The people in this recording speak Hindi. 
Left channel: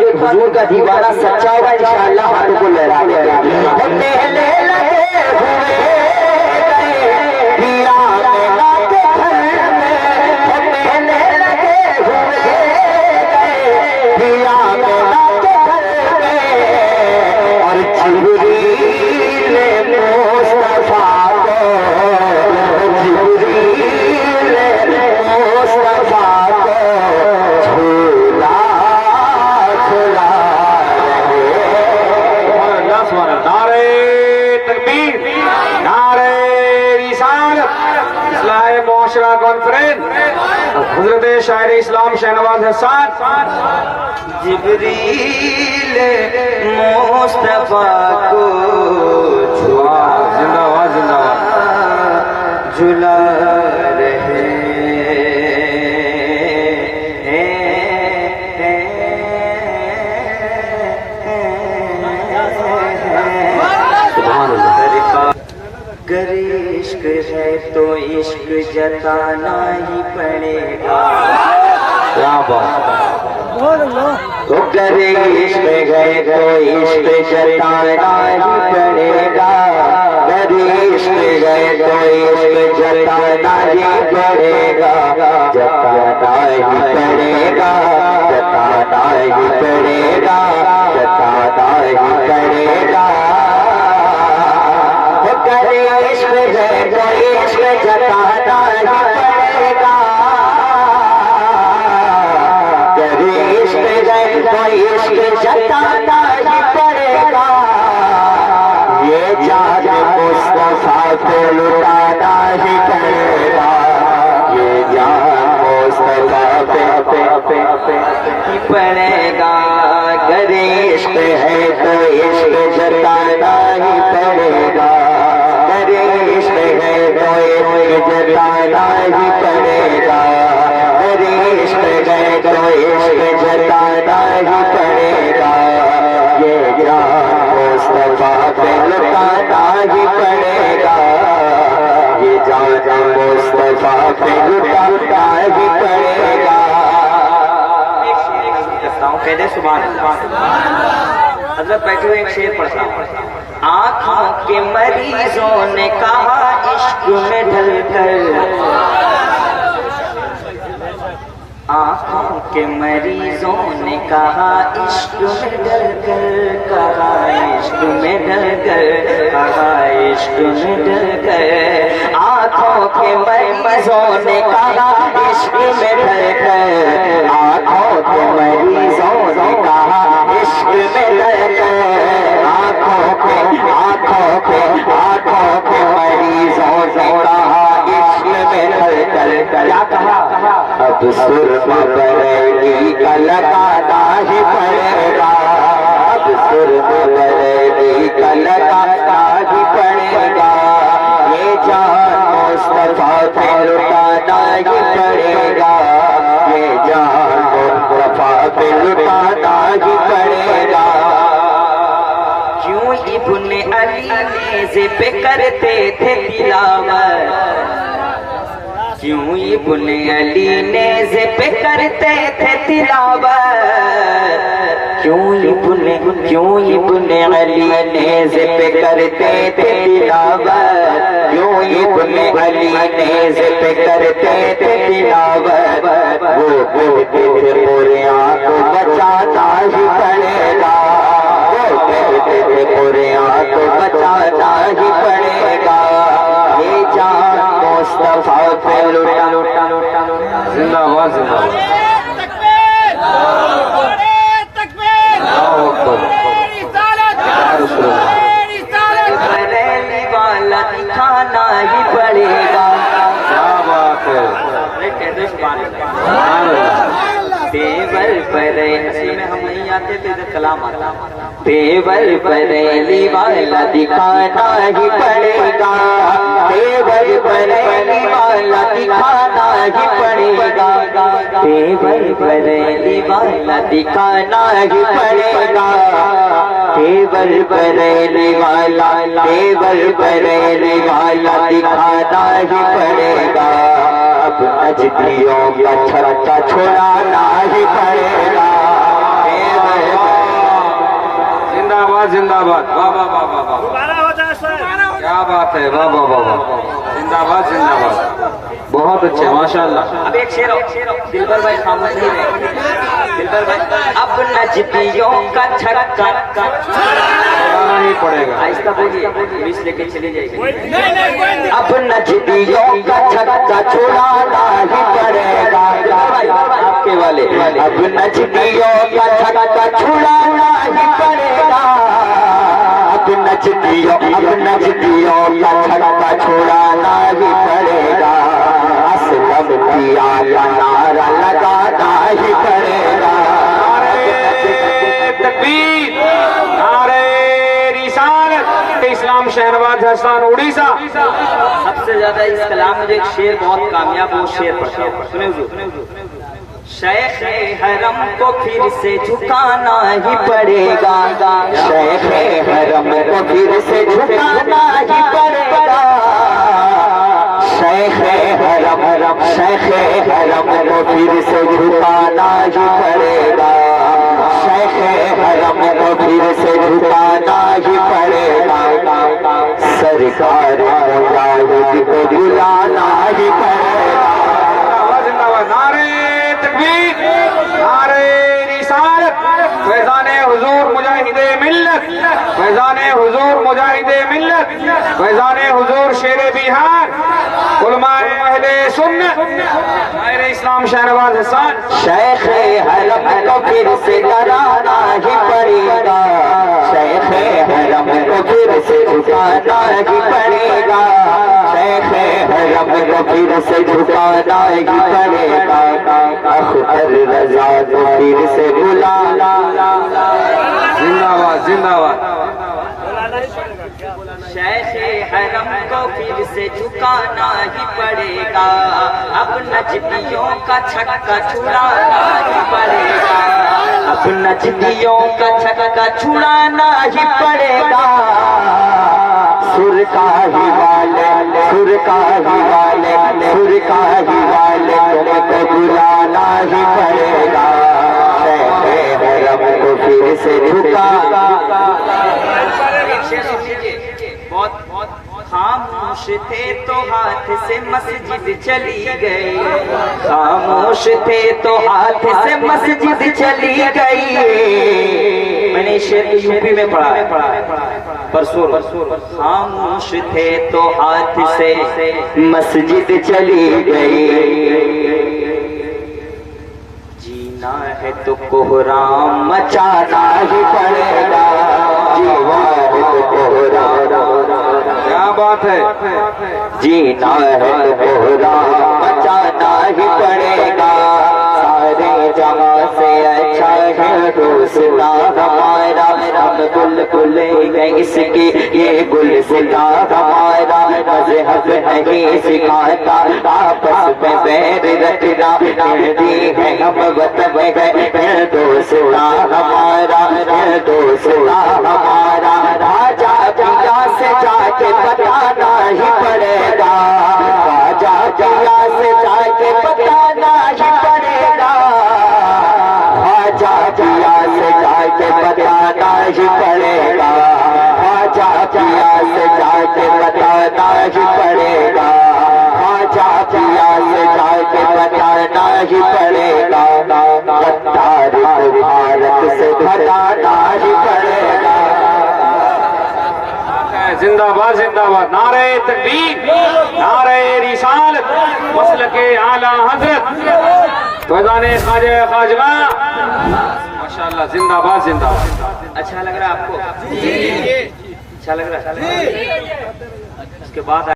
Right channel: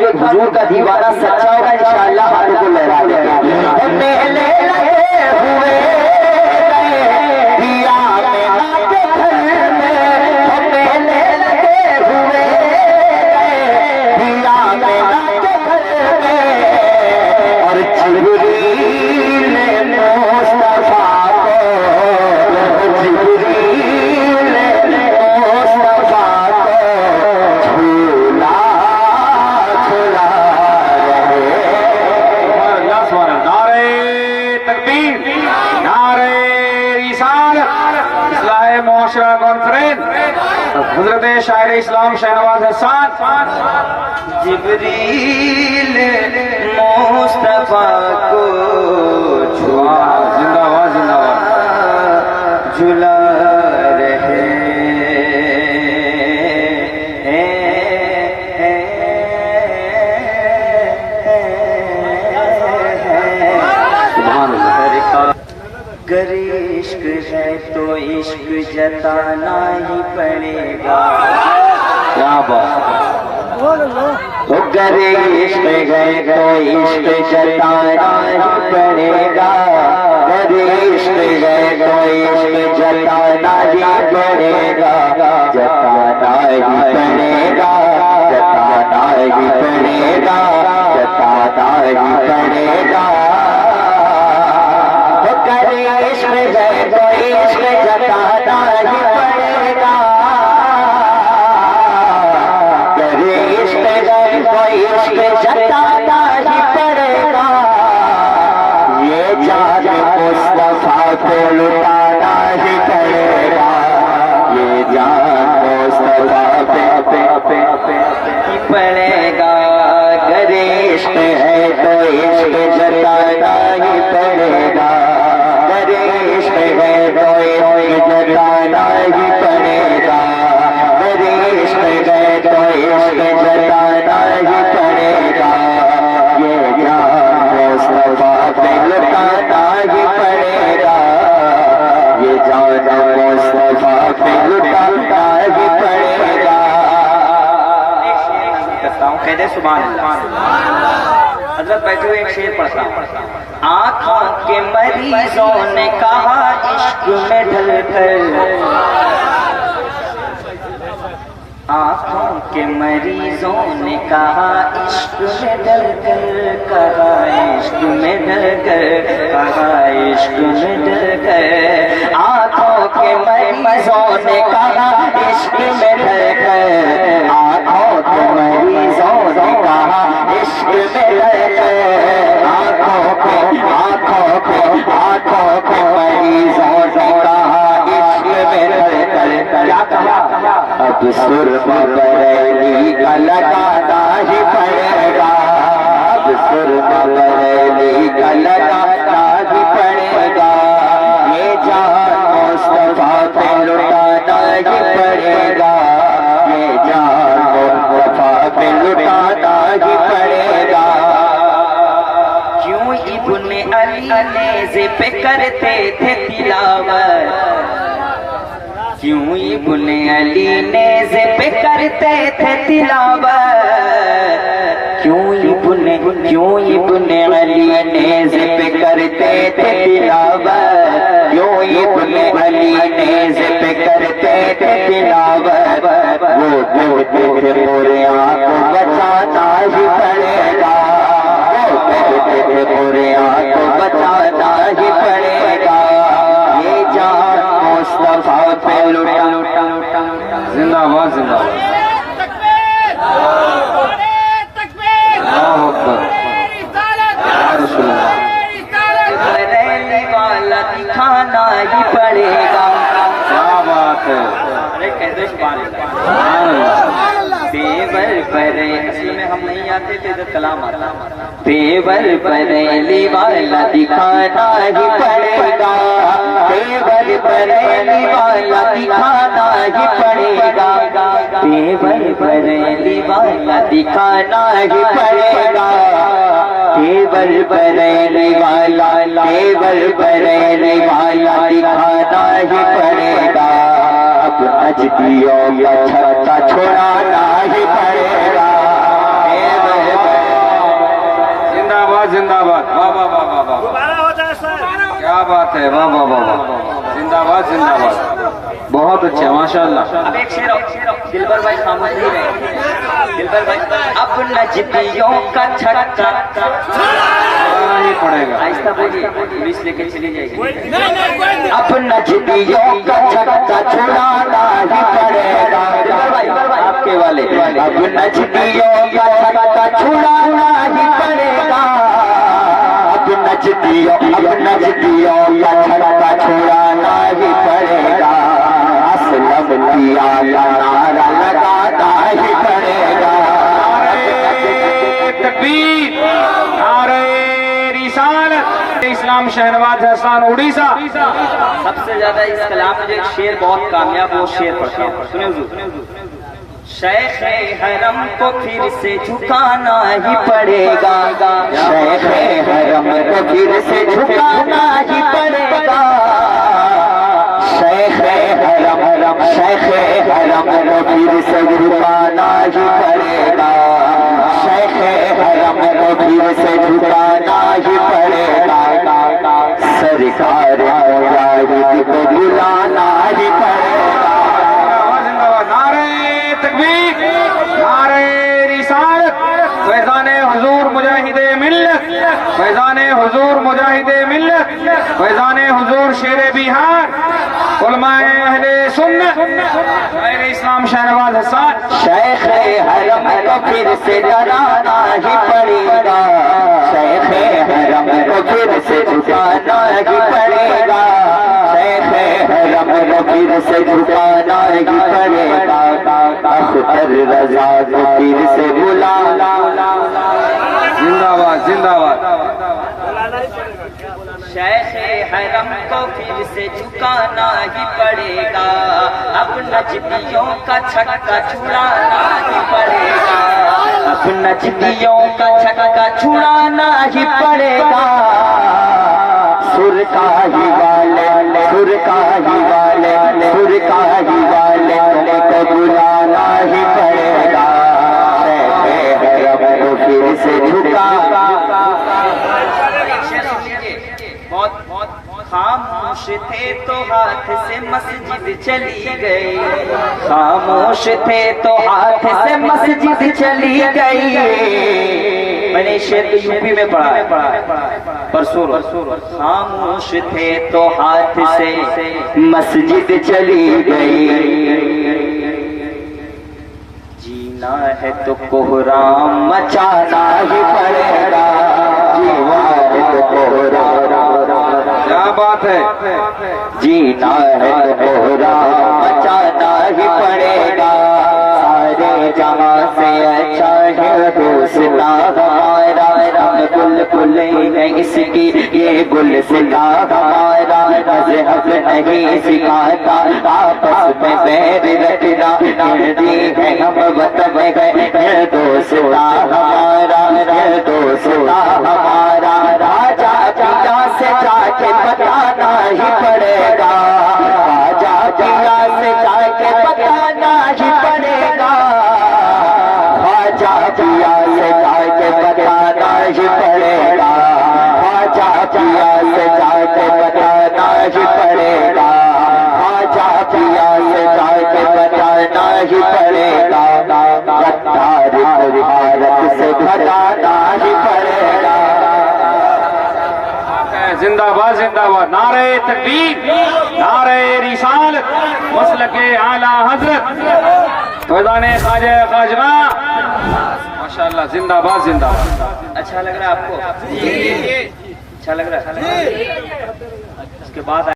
जो हुजूर का दीवाना सच्चा होगा इंशाअल्लाह हाथों को लहरा देगा। पहले लगे हुए हिया में नाचे घर में, पहले लगे हुए हिया में नाचे घर में, और जिब्रील मुस्तफा मुआशरा कॉन्फ्रेंस हजरत शायर इस्लाम शहनवाज हसन जिब्रील मुस्तफा को जिंदाबाद जिंदाबाद झुला रहे सुभान अल्लाह। गर इश्क है तो इश्क जताना ही पड़ेगा। क्या बात तो गर इश्क है तो इश्क जताना ही पड़ेगा। गर इश्क है तो इश्क जताना ही पड़ेगा। जताना ही पड़ेगा, जताना ही पड़ेगा, जताना ही पड़ेगा। इश्क है तो इश्क जताना ही पड़ेगा। इश्क है तो इश्क जताना ही पड़ेगा। ये जान मुस्तफा को लुटाना ही पड़ेगा। ये जान मुस्तफा पे पड़ेगा। अगर इश्क है तो इश्क जताना ही पड़ेगा। जताना ही पड़ेगा। मेरे इश्क है तो इश्क जताना ही पड़ेगा। ये जान मुस्तफा पे लुटाना ही पड़ेगा। ये जान मुस्तफा पे लुटाना ही पड़ेगा। कहते सुभान अल्लाह। हज़रत बैठे हुए एक शेर पढ़ता हूँ। आँखों के मरीजों ने कहा इश्क में ढलकर, आँखों के मरीजों ने कहा इश्क में ढलकर, कहा इश्क में ढलकर, कहा इश्क में ढलकर। आँखों के मरीजों ने कहा इश्क में ढलकर, आँखों के मरीजों ने कहा इश्क में ढलकर। आँखों के मरीजों ने कहा इश्क में ढलकर। क्या कहा? अब सुरमा बरेली का लगाना ही पड़ेगा। अब सुरमा बरेली का लगाना ही पड़ेगा। ये जान मुस्तफा पे लुटाना ही पड़ेगा। ये जान मुस्तफा पे लुटाना ही पड़ेगा। क्यों इब्ने अली नेज़े पे करते थे तिलावत, क्यों इब्ने अली नेज़े पे करते थे तिलावत। क्यों इब्ने अली नेज़े पे करते थे तिलावत। क्यों इब्ने अली नेज़े पे करते थे तिलावत। वो कहते थे पूरे को बचाना ही पड़ेगा। वो कहते थे पूरे को बचाना ही पड़ेगा। ये जान मुस्तफा पे लुटा। जिंदाबाद जिंदाबाद। बरेली वाला दिखाना ही पड़ेगा। क्या बात है। तेवर बरेली में हम नहीं आते थे जब कलाम आता। तेवर बरेली वाला दिखाना ही पड़ेगा। तेवर बरेली वाला दिखाना ही पड़ेगा। तेवर बरेली वाला दिखाना ही पड़ेगा। तेवर बरेली वाला, तेवर बरेली वाला दिखाना ही पड़ेगा। अब अजदियों का छक्का छुड़ाना ही पड़ेगा। तेवर जिंदाबाद, वाह वाह वाह वाह वाह, क्या बात है, वाह वाह वाह वाह, जिंदाबाद जिंदाबाद, बहुत अच्छे, माशाल्लाह। अब एक शेर दिलबर भाई खामोश नहीं रहे। दिलबर भाई, अब नजदियों का छक्का लगाना ही पड़ेगा। आहिस्ता बोलिए, पुलिस लेके चली जाएगी। अब नजदियों का छक्का छुड़ाना ही पड़ेगा, आपके वाले। अब नजदियों का छक्का छुड़ाना ही पड़ेगा, अब नजदियों का छक्का छुड़ाना ही पड़ेगा, असलम किया का नारा लगाना ही पड़ेगा। तकबीर, नारे रिसालत। इस्लाम शहनवाज हसन उड़ीसा। सबसे ज्यादा इस कलाम में जो एक शेर बहुत कामयाब, वो शेर पढ़ता हूँ, सुने हुजूर। शेख हरम को फिर से झुकाना ही पड़ेगा, शेख हरम को फिर से झुकाना ही पड़ेगा, शेख हरम को फिर से झुकाना ही पड़ेगा, शेख हरम को फिर से झुकाना ही पड़ेगा, सरकार मुजाहिद को बुलाना ही पड़ेगा। जिंदाबाद, नारे तकबीर, नारे रिसालत। फैजाने हुजूर मुजाहिदे मिल्लत, फैजाने हुजूर मुजाहिदे मिल्लत, फैजाने हुजूर शेरे बिहार, उलमाए अहले सुन्नत, शायर इस्लाम शहनवाज हसन। शेख हरम को फिर से डराना ही पड़ेगा, शेख हरम को फिर से झुकाना ही पड़ेगा, शेख हरम को फिर से झुकाना ही पड़ेगा, अख्तर रजा को फिर से बुलाना। जिंदाबाद जिंदाबाद, शेख हरम को फिर से झुकाना ही पड़ेगा, अब नजदियों का छक्का छुड़ाना ही पड़ेगा, अब नजदियों का छक्का छुड़ाना ही पड़ेगा, सुरकाही वाले तुमको बुलाना ही पड़ेगा, शेख हरम को फिर से झुकाना। बहुत खामोश थे तो हाथ से मस्जिद चली गई, खामोश थे तो हाथ से मस्जिद चली गई। मैंने शेर यूपी में पढ़ा है परसों। खामोश थे तो हाथ से मस्जिद चली गई, जीना है तो कोहराम मचाना ही पड़ेगा, जीना है तो कोहराम, क्या बात है, जीना है तो कोहराम मचाना ही पड़ेगा, सारे जहां से अच्छा है दोस्ता हमारा, हम बुलबुल है इसकी ये गुलसिता हमारा, मज़हब नहीं सिखाता आपस में बैर रखना, दी है हम वतन है दोस्ता हमारा, दोस्ता हमारा, राजा पिया से जाके बताना ही पड़ेगा, राजा पिया से जाके बताना ही पड़ेगा, राजा पिया से जाके बताना ही पड़ेगा, राजा पिया से जाके बताना ही पड़ेगा, राजा पिया से जाके बताना ही पड़ेगा, गद्दार को भारत से घटाना ही पड़ेगा। जिंदाबाद जिंदाबाद, नारे तकबीर, नारे रिसालत, मसलके आला हजरत, फैजाने ख्वाजा खाजगा, माशाल्लाह, जिंदाबाद जिंदाबाद। अच्छा लग रहा है आपको? अच्छा लग रहा है। इसके बाद